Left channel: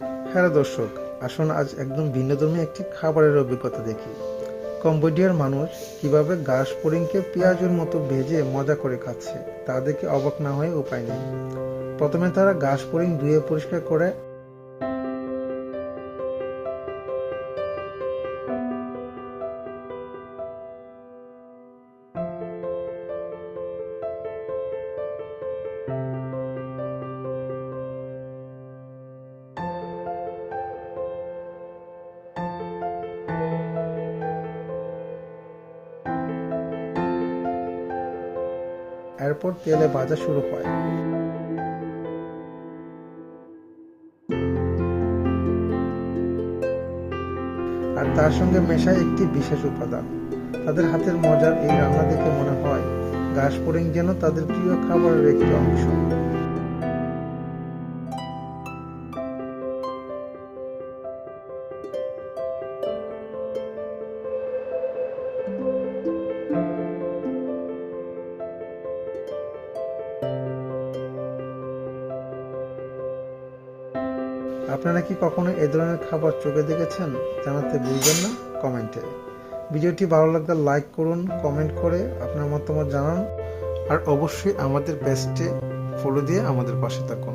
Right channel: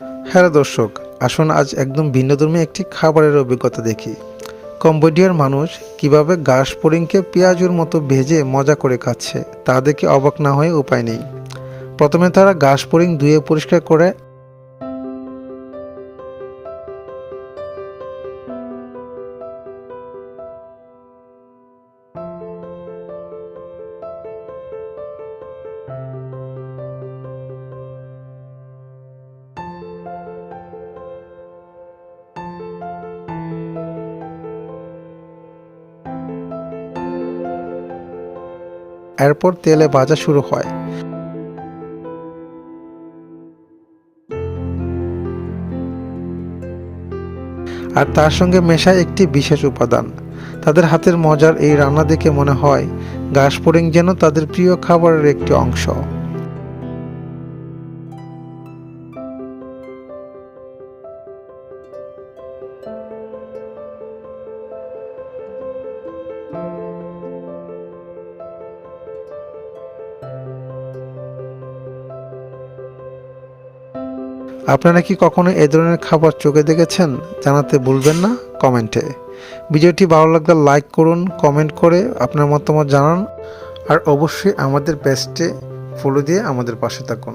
Hello দর্শক, আসুন আজ একদম ভিন্নধর্মী একটি খাবারের অভিজ্ঞতা দেখি। কম্বোডিয়ার মানুষ কীভাবে গাছ পরিংকে পেঁয়াজুর মতো ভেজে মজা করে খাচ্ছে, তা দেখে অবাক না হয়ে উপায় নেই। প্রথমে তারা গাছ পরিং ধুয়ে পরিষ্কার করে এরপর তেলে ভাজা শুরু হয়। আর তার সঙ্গে মেশায় একটি বিশেষ উপাদান। তাদের হাতের মজার এই রান্না দেখে মনে হয়, গাছ যেন তাদের প্রিয় খাবারের একটি অংশ। আপনারা কি কখনো এ ধরনের খাবার চোখে দেখেছেন? জানাতে ভুলবেন না কমেন্টে। ভিডিওটি ভালো লাগলে লাইক করুন, কমেন্ট করে আপনার মতামত জানান, আর অবশ্যই আমাদের পেজটে ফলো দিয়ে আমাদের পাশে থাকুন।